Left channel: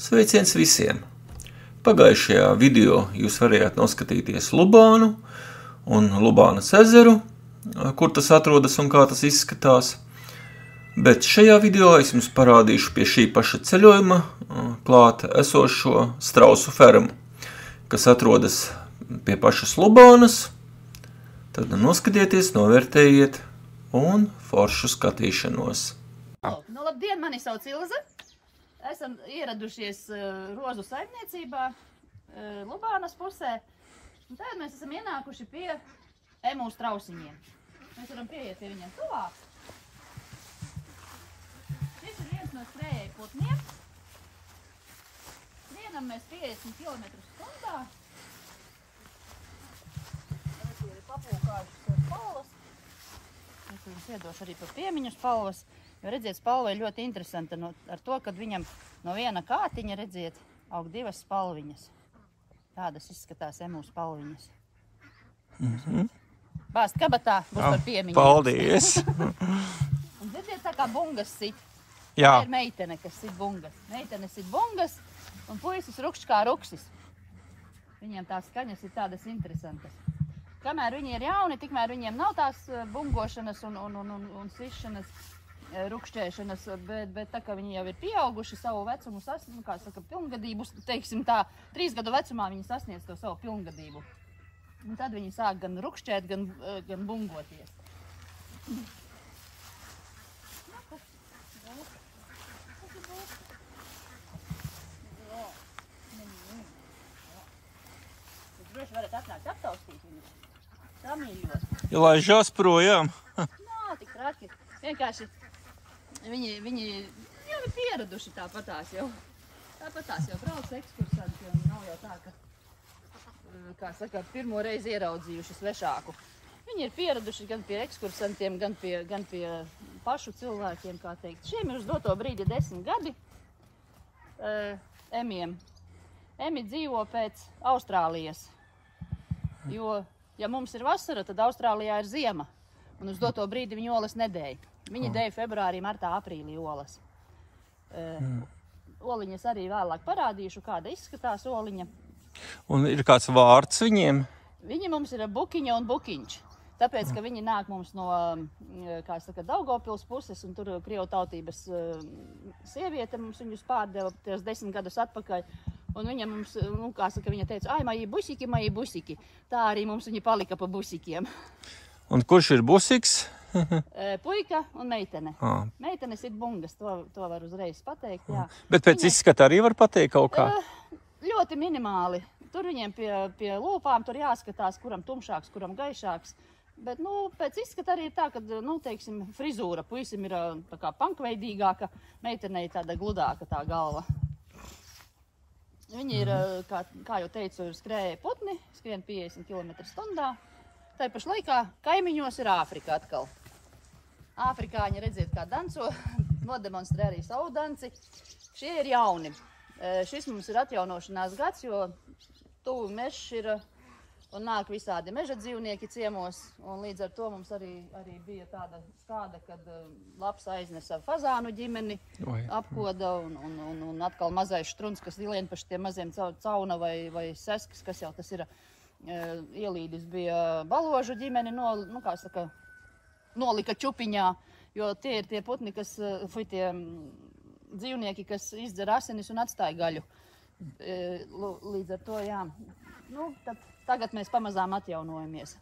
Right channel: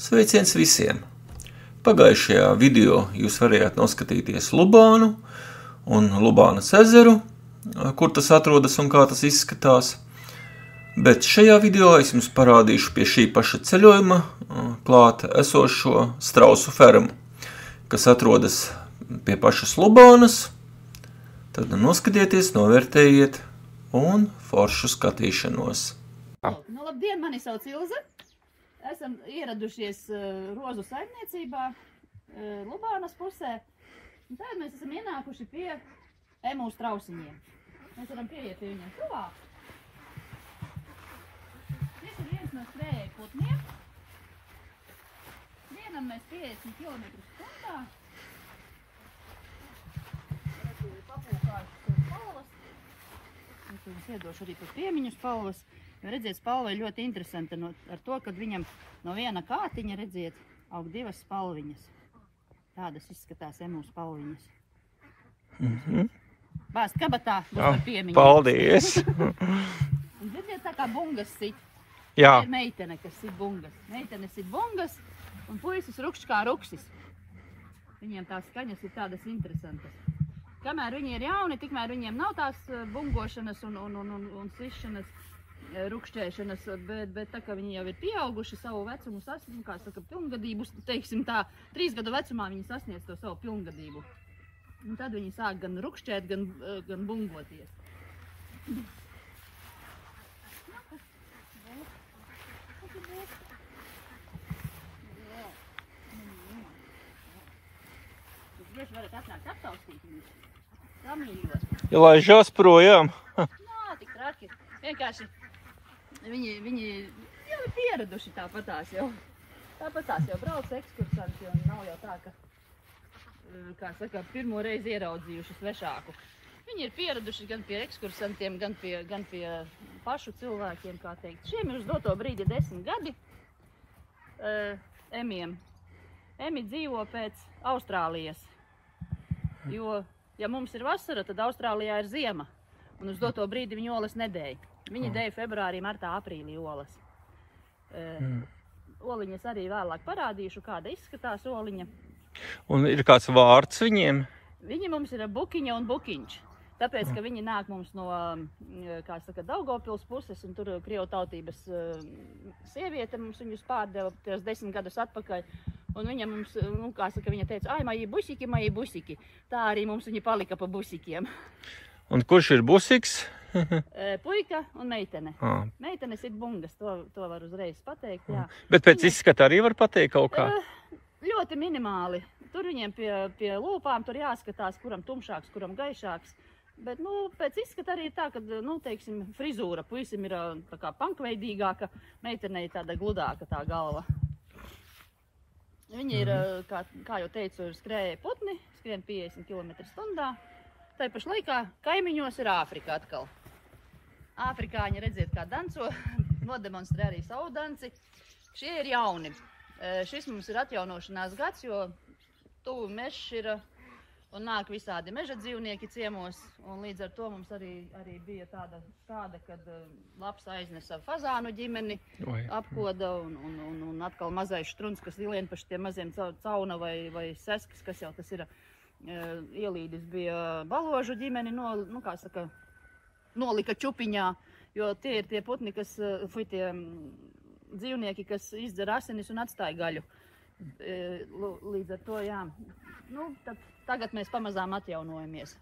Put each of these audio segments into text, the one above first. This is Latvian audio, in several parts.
Sveiciens visiem! Pagājušajā video jūs varējāt noskatīties Lubānu un Lubānas ezeru, kur tas atrodas un kā tas izskatās. Bet šajā video es jums parādīšu pie šī paša ceļojuma klāt esošo strausu fermu, kas atrodas pie pašas Lubānas. Tad noskatieties, novērtējiet un foršu skatīšanos. Labdien, mani sauc Ilze. Esam ieradušies rozu saimniecībā Lubānas pusē. Un tad mēs esam ienākuši pie emu strausiņiem. Mēs varam pieiet pie viņiem tuvāk. Šis ir viens no skrējēju putniem. Vienam mēs 50 km/h. Redzu, ir papūkājušas spalvas. Es jums iedošu arī par piemiņu spalvas. Jo, redziet, spalva ir ļoti interesanta ar to, kad viņam no viena kātiņa, redziet, aug divas spalviņas. Tādas izskatās emu spalviņas. Bāzt kabatā, būs par piemiņu. Paldies! Un dzirdiet, tā kā bungas sit. Jā. Tā ir meitene, kas sit bungas. Meitene sit bungas un puisis rukšķ kā ruksis. Viņiem tās skaņas ir tādas interesantas. Kamēr viņi ir jauni, tikmēr viņiem nav tās bungošanas un sišanas, rukšķēšanas, bet tā kā viņi jau ir pieauguši savu vecumu, kā saka, pilngadību, teiksim tā, 3 gadu vecumā viņi sasniedz to savu pilngadību. Un tad viņi sāk gan rukšķēt, gan bungoties. Jūs droši varat atnākt aptaustīt viņus. Samīļos. Ja laižās projām. Nā, tik traki. Vienkārši viņi jau ir pieraduši tāpatās jau. Tāpatās jau brauc ekskursanti, un nav jau tā, kā saka, pirmo reizi ieraudzījuši svešāku. Viņi ir pieraduši gan pie ekskursantiem, gan pie pašu cilvēkiem, kā teikt. Šiem ir uz doto brīdi 10 gadi emiem. Emi dzīvo pēc Austrālijas, jo, ja mums ir vasara, tad Austrālijā ir ziema, un uz doto brīdi viņi olas nedēja. Viņi dēja februārī, martā, aprīlī olas. Oliņas arī vēlāk parādīšu, kāda izskatās oliņa. Un ir kāds vārds viņiem? Viņi mums ir bukiņa un bukiņš. Tāpēc, ka viņi nāk mums no, kā saka, Daugavpils puses, un tur krievu tautības sieviete mums viņus pārdeva 10 gadus atpakaļ. Un viņa mums, kā saka, viņa teica, ai, maji busiki. Tā arī mums viņi palika pa busikiem. Un kurš ir busiks? Puika un meitene. Meitene sit bungas, to var uzreiz pateikt, jā. Bet pēc izskata arī var pateikt kaut kā? Ļoti minimāli. Tur viņiem pie lūpām tur jāskatās, kuram tumšāks, kuram gaišāks. Bet, pēc izskata arī ir tā, ka, teiksim, frizūra puisim ir tā kā pankveidīgāka, meitenei tāda gludāka tā galva. Viņi ir, kā jau teicu, skrējēji putni, skrien 50 km/h. Tā pašā laikā kaimiņos ir Āfrika atkal. Āfrikāņi, redziet, kā danco, nodemonstrē arī savu danci. Šie ir jauni. Šis mums ir atjaunošanās gads, jo tuvu mežs ir un nāk visādi meža dzīvnieki ciemos. Un līdz ar to mums arī bija tāda stāde, kad laps aiznesa fazānu ģimeni, apkoda un atkal mazais štruns, kas lien pa šitiem maziem cauna vai seskas, kas jau tas ir. Ielīdis bija baložu ģimeni, kā saka, nolika čupiņā, jo tie ir tie putni, tie dzīvnieki, kas izdzer asinis un atstāja gaļu. Līdz ar to, jā, tagad mēs pamazām atjaunojamies.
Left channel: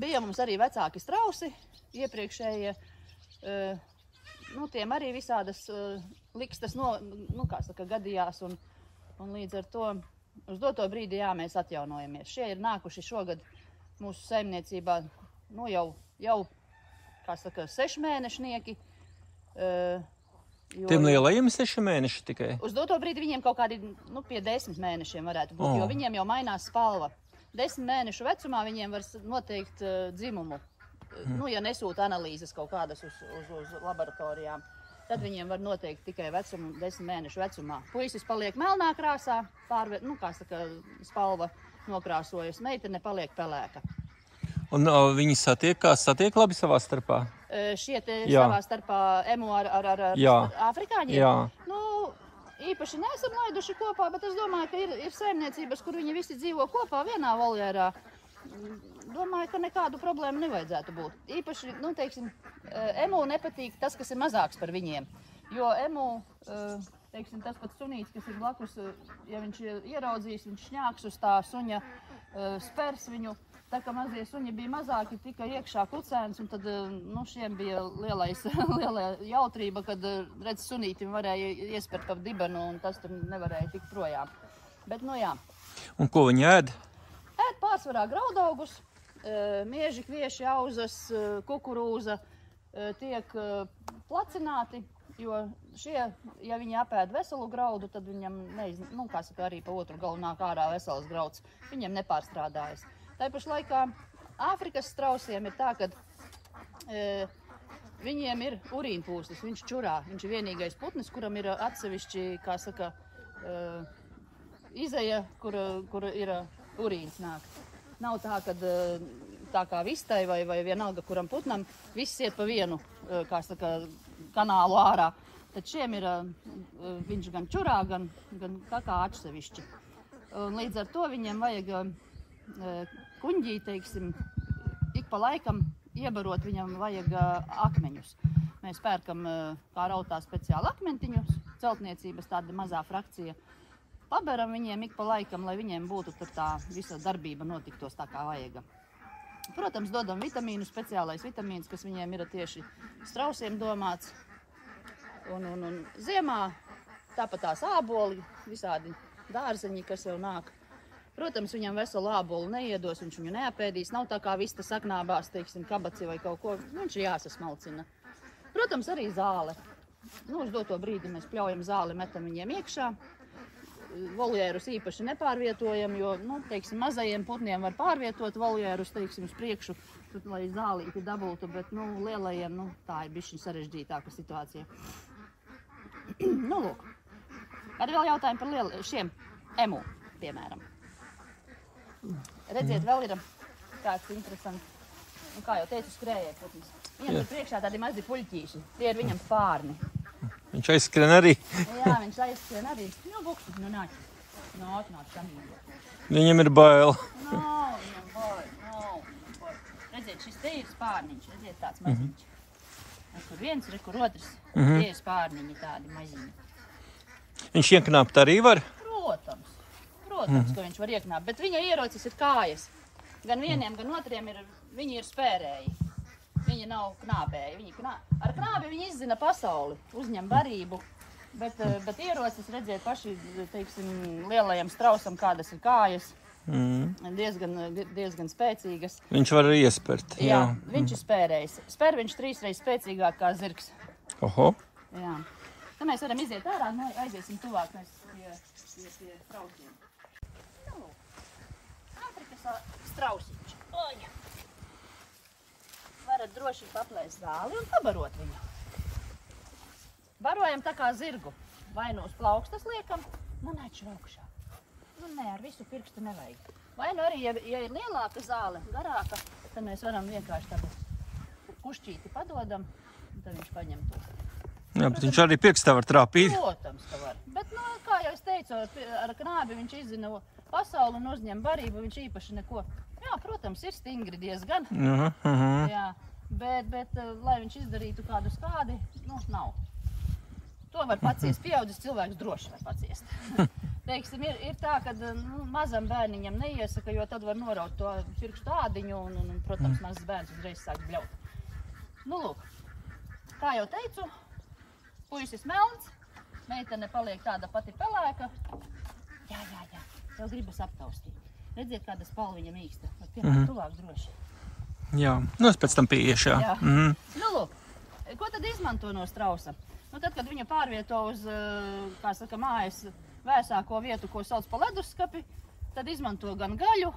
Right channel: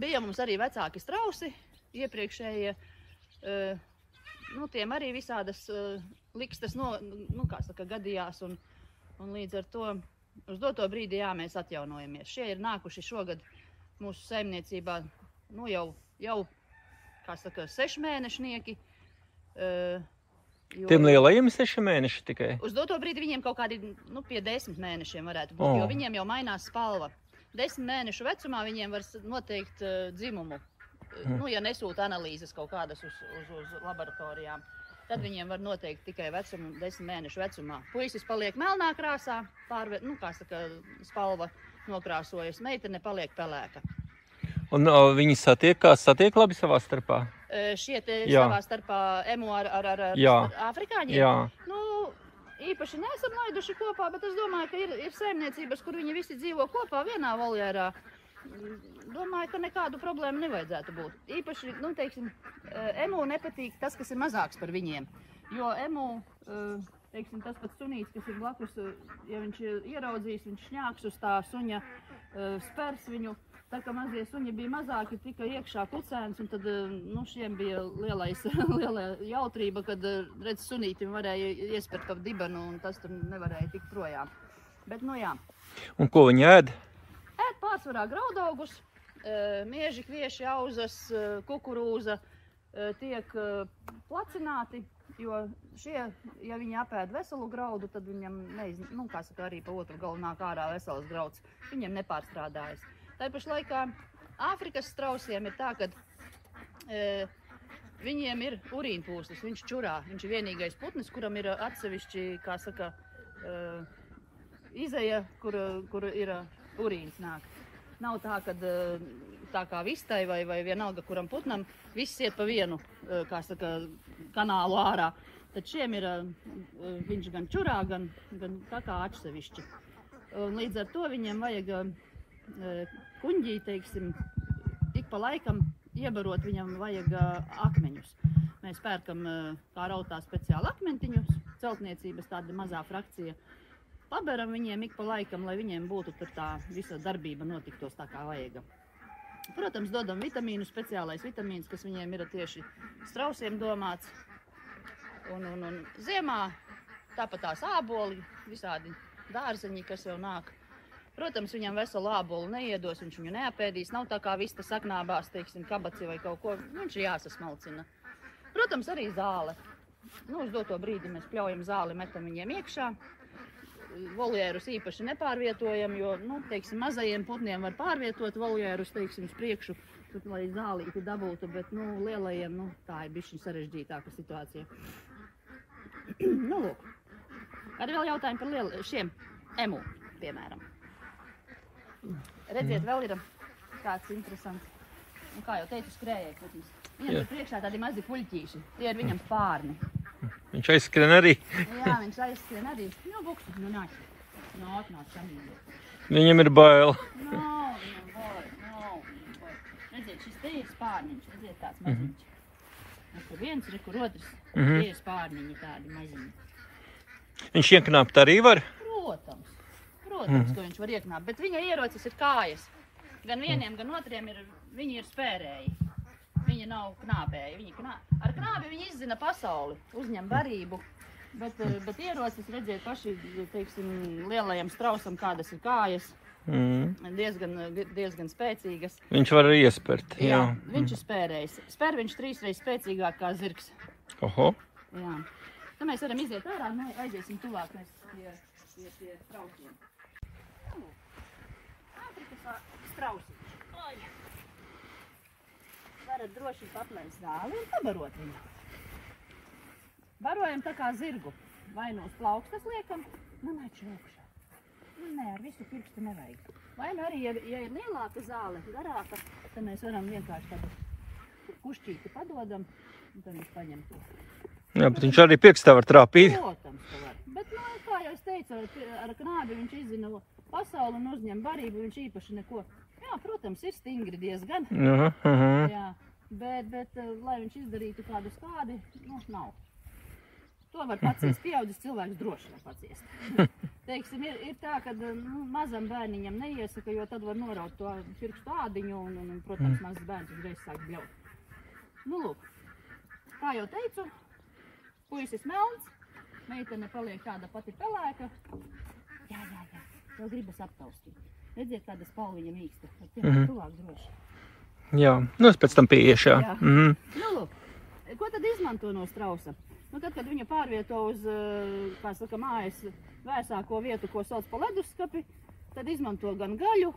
Bija mums arī vecāki strausi, iepriekšējie, tiem arī visādas likstas, kā saka, gadījās, un līdz ar to uz doto brīdi, jā, mēs atjaunojamies. Šie ir nākuši šogad mūsu saimniecībā, jau, kā saka, 6 mēnešnieki. Tiem lielajiem 6 mēneši tikai? Uz doto brīdi viņiem kaut kādi, pie 10 mēnešiem varētu būt, jo viņiem jau mainās spalva. 10 mēnešu vecumā viņiem var noteikt dzimumu. Ja nesūta analīzes kaut kādas uz laboratorijām. Tad viņiem var noteikt tikai vecumu 10 mēnešu vecumā. Puisis paliek melnā krāsā, kā saka, spalva nokrāsojas, meitene paliek pelēka. Un viņi satiek labi savā starpā? Šie te savā starpā emu ar afrikāņiem? Jā. īpaši neesam laiduši kopā, bet es domāju, ka ir saimniecības, kur viņi visi dzīvo kopā vienā voljērā. Domāju, ka nekādu problēmu nevajadzētu būt. Īpaši, nu, teiksim, emu nepatīk tas, kas ir mazāks par viņiem. Jo emu, teiksim, tas pats sunīts, kas ir blakus, ja viņš ieraudzīs, viņš šņāks uz tā suņa, spers viņu. Tā kā mazie suņi bija mazāki, tika iekšā kucēns, un tad, nu, šiem bija liela jautrība, kad, redz, sunītim varēja iespert ap dibenu, un tas tur nevarēja tikt projām. Bet, nu jā. Un ko viņi ēd? Ēd pārsvarā graudaugus, mieži, kvieši, auzas, kukurūza tiek placināti, jo šie, ja viņi apēd veselu graudu, tad viņam, nu, kā saka, arī pa otru galu nāk ārā veselas grauds, viņiem nepārstrādājas. Tāpaši laikā Āfrikas strausiem ir tā, ka viņiem ir urīnpūslis, viņš čurā. Viņš ir vienīgais putnis, kuram ir atsevišķi, kā saka, izeja, kur ir urīns nāk. Nav tā, ka tā kā vistai vai vienalga kuram putnam, viss iet pa vienu, kā saka, kanālu ārā. Tad šiem ir, viņš gan čurā, gan tā kā atsevišķi. Līdz ar to viņiem vajag kuņģī, teiksim, ik pa laikam iebarot viņam vajag akmeņus. Mēs pērkam kā rautā speciāli akmentiņus, celtniecības tāda mazā frakcija. Paberam viņiem ik pa laikam, lai viņiem būtu tur tā visa darbība notiktos tā kā vajag. Protams, dodam vitamīnu, speciālais vitamīns, kas viņiem ir tieši strausiem domāts. Un ziemā tāpat tās āboli, visādi dārzeņi, kas jau nāk. Protams, viņam veselu ābolu neiedos, viņš viņu neapēdīs. Nav tā kā vista saknābās, teiksim, kabaci vai kaut ko. Viņš ir jāsasmalcina. Protams, arī zāle. Nu, uz doto brīdi mēs pļaujam zāli, metam viņiem iekšā. Voljērus īpaši nepārvietojam, jo, nu, teiksim, mazajiem putniem var pārvietot voljērus, teiksim, uz priekšu, tad, lai zālīti dabūtu, bet, nu, lielajiem, nu, tā ir bišķi sarežģītāka situācija. Nu, lūk. Kādi vēl jautājumi par šiem emu, piemēram? Redziet, vēl ir tāds interesants, un kā jau teicu, skrējēji putnis. Viņam priekšā tādi mazi puļķīši, tie ir viņam spārni. Viņš aizskrien arī. Jā, viņš aizskrien arī. Nu, buksus, nu nāc. Nāk samīļot. Viņam ir bail. Nav, viņam bail. Redziet, šis te ir spārniņš, redziet, tāds maziņš. Kur viens, kur otrs, tie ir spārniņi tādi maziņi. Viņš ieknāpt arī var? Protams, ka viņš var ieknāpt, bet viņa ierocis ir kājas. Gan vieniem, gan otriem viņi ir spērēji. Viņi nav knābēji. Ar knābi viņi izzina pasauli, uzņem barību, bet ierocis, redziet, paši, teiksim, lielajam strausam, kādas ir kājas, diezgan spēcīgas. Viņš var iespert, jā. Viņš ir spērējs. Spēr viņš 3 reizes spēcīgāk kā zirgs. Oho. Jā. Tad mēs varam iziet ārā, aiziesim tuvāk pie strausiem. Āfrikas strausiņš. Varat droši paplēst zāli un pabarot viņu. Barojam tā kā zirgu. Vai nu uz plaukstas liekam, nu neču augšā. Nu nē, ar visu pirkstu nevajag. Vai nu arī, ja ir lielāka zāle, garāka, tad mēs varam vienkārši tādu kušķīti padodam, un tad viņš paņem to. Jā, bet viņš arī pirkstā var trāpīt. Protams, ka var. Bet, nu, kā jau es teicu, ar knābi viņš izzina pasauli un uzņem barību, viņš īpaši neko. Jā, protams, ir stingri diezgan. Jā, bet lai viņš izdarītu kādu skādi, nu, nav. To var paciest. Pieaudzis cilvēks droši var paciest. Teiksim, ir tā, ka mazam bērniņam neiesaka, jo tad var noraut to pirkstu ādiņu un protams, mazs bērns uzreiz sāk bļaut. Nu, lūk, kā jau teicu, puisis melns, meitene paliek tāda pati pelēka. Jā, tev gribas aptaustīt. Redziet, kāda spalviņa mīksta. Tuvāk droši. Jā, nu es pēc tam pieiešu, jā. Nu, lūk, ko tad izmanto no strausa? Nu, tad, kad viņa pārvieto uz, kā saka, mājas vēsāko vietu, ko sauc pa leduskapi, tad izmanto gan gaļu,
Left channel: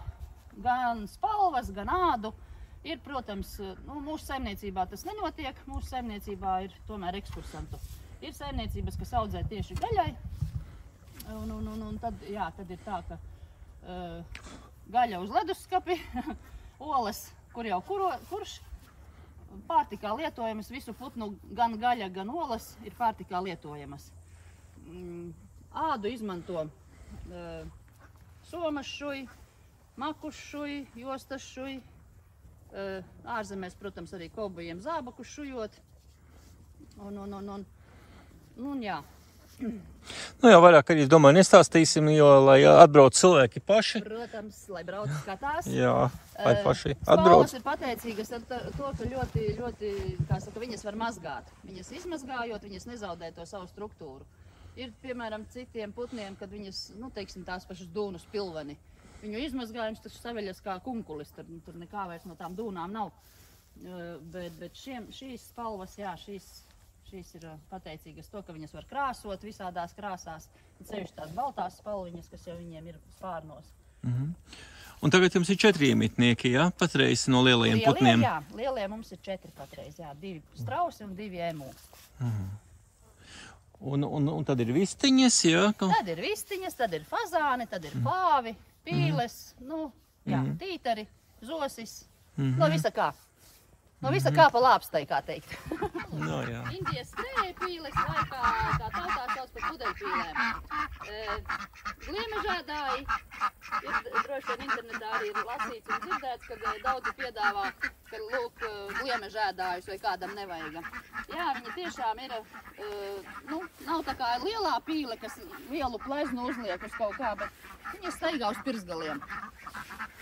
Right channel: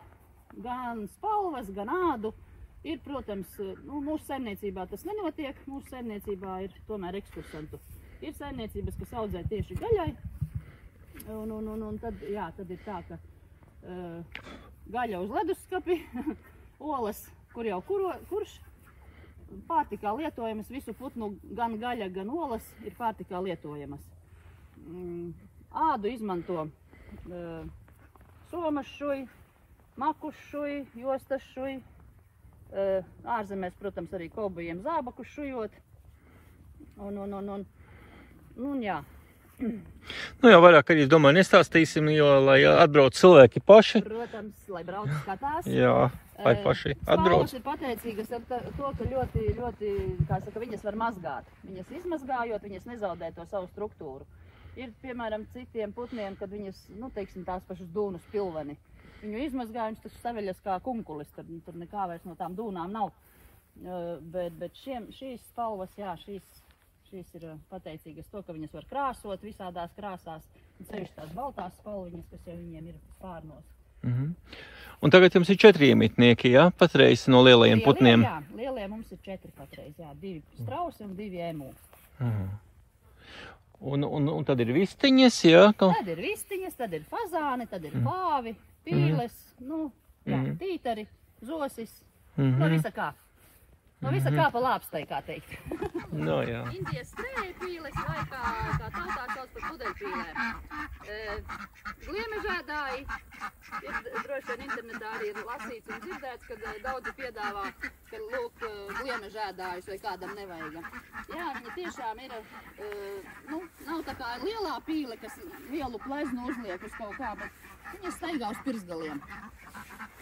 gan spalvas, gan ādu. Ir, protams, nu, mūsu saimniecībā tas nenotiek, mūsu saimniecībā ir tomēr ekskursantu. Ir saimniecības, kas audzē tieši gaļai, un tad, jā, tad ir tā, ka gaļa uz leduskapi, olas, kur jau kurš, pārtikā lietojamas, visu putnu, gan gaļa, gan olas ir pārtikā lietojamas. Ādu izmanto somas šuji, makus šuji, jostas šuji. Ārzemēs, protams, arī kobujiem zābakus šujot. Un jā. Nu jau vairāk arī, es domāju, nestāstīsim, jo, lai atbrauc cilvēki paši. Protams, lai brauc skatās. Jā, lai paši atbrauc. Spalvas ir pateicīgas ar to, ka ļoti, kā saka, viņas var mazgāt. Viņas izmazgājot, viņas nezaudē to savu struktūru. Ir, piemēram, citiem putniem, kad viņas, nu, teiksim, tās pašas dūnus pilveni. Viņu izmazgājums tas saveļas kā kunkulis, tur nekā vairs no tām dūnām nav. Bet šīs spalvas, jā, šīs ir pateicīgas to, ka viņas var krāsot visādās krāsās, un sevišķi tās baltās spalviņas, kas jau viņiem ir spārnos. Un tagad jums ir 4 iemitnieki, jā, patreiz no lielajiem putniem? Jā, lielie mums ir 4 patreiz, jā, 2 strausi un 2 emu. Un tad ir vistiņas, jā? Tad ir vistiņas, tad ir fazāni, tad ir pāvi, pīles, nu, jā, tītari, zosis, no visa kā. No visa kā pa lāpstai, kā teikt. No, jā. Indijas skrēja pīles vai kā tautā sauc par pudeļpīlēm. Gliemežēdāji, droši vien internetā arī ir lasīts un dzirdēts, kad daudzi piedāvā, ka lūk, gliemežēdājus vai kādam nevajag. Jā, viņi tiešām ir, nu, nav tā kā lielā pīle, kas lielu pleznu uzliek uz kaut kā, bet viņas staigā uz pirsgaliem.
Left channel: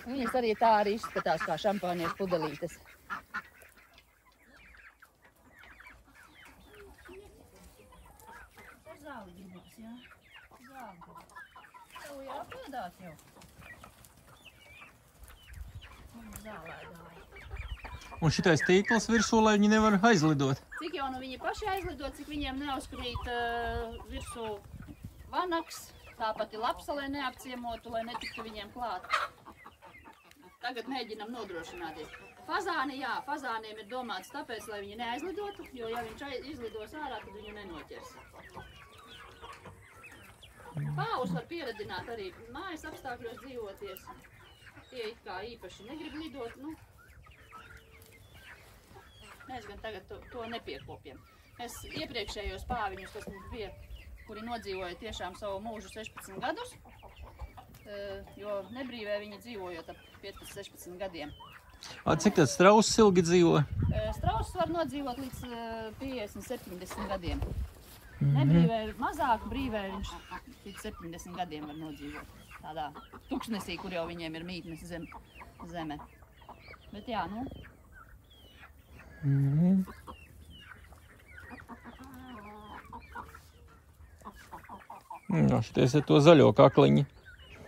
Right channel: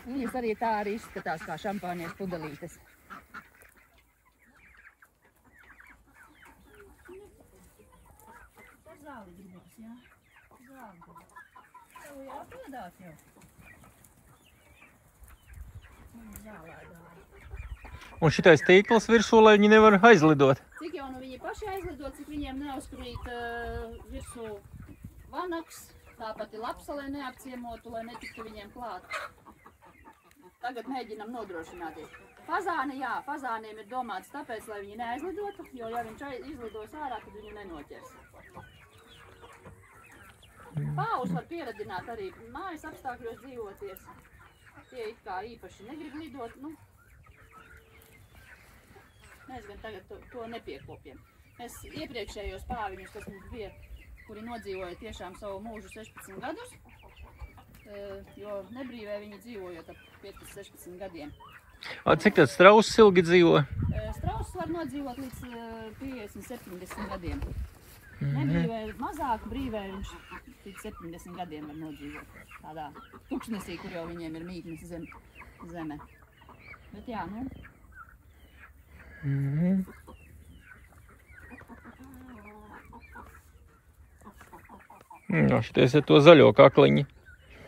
Viņas arī tā arī izskatās kā šampāniešu pudelītes. Zāli gribas, jā? Zāli gribas. Tev jāpiedāt jau. Un zālēdāji. Un šitais tīkls virsū, lai viņi nevar aizlidot? Cik jau nu viņi paši aizlidot, cik viņiem neuzkrīt virsū vanaks, tāpat ir lapsa, lai neapciemotu, lai netiktu viņiem klāt. Tagad mēģinam nodrošināties. Fazāni, jā, fazāniem ir domāts tāpēc, lai viņi neaizlidotu, jo ja viņš izlidos ārā, tad viņu nenoķers. Pāvus var pieradināt arī mājas apstākļos dzīvoties. Tie it kā īpaši negrib lidot, nu. Mēs gan tagad to nepiekopjam. Mēs iepriekšējos pāviņus, kas mums bija, kuri nodzīvoja tiešām savu mūžu 16 gadus, jo nebrīvē viņi dzīvojot ap 15-16 gadiem. Cik tad strauss ilgi dzīvo? Strauss var nodzīvot līdz 50-70 gadiem. Nebrīvē mazāk, brīvē viņš līdz 70 gadiem var nodzīvot. Tādā tuksnesī, kur jau viņiem ir mītnes zeme. Bet jā, nu. Šities ir to zaļo kakliņi.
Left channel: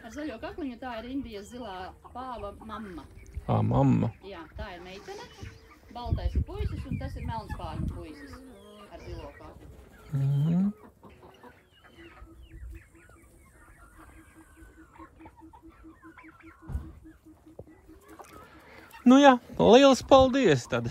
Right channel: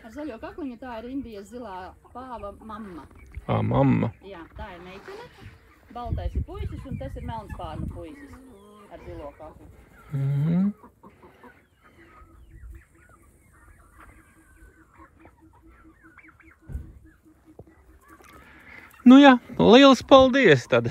Ar zaļo kakliņu tā ir Indijas zilā pāva mamma. Mamma. Jā, tā ir meitene. Baltais ir puisis un tas ir melnspārnu puisis ar zilo kakliņu. Nu jā, liels paldies tad!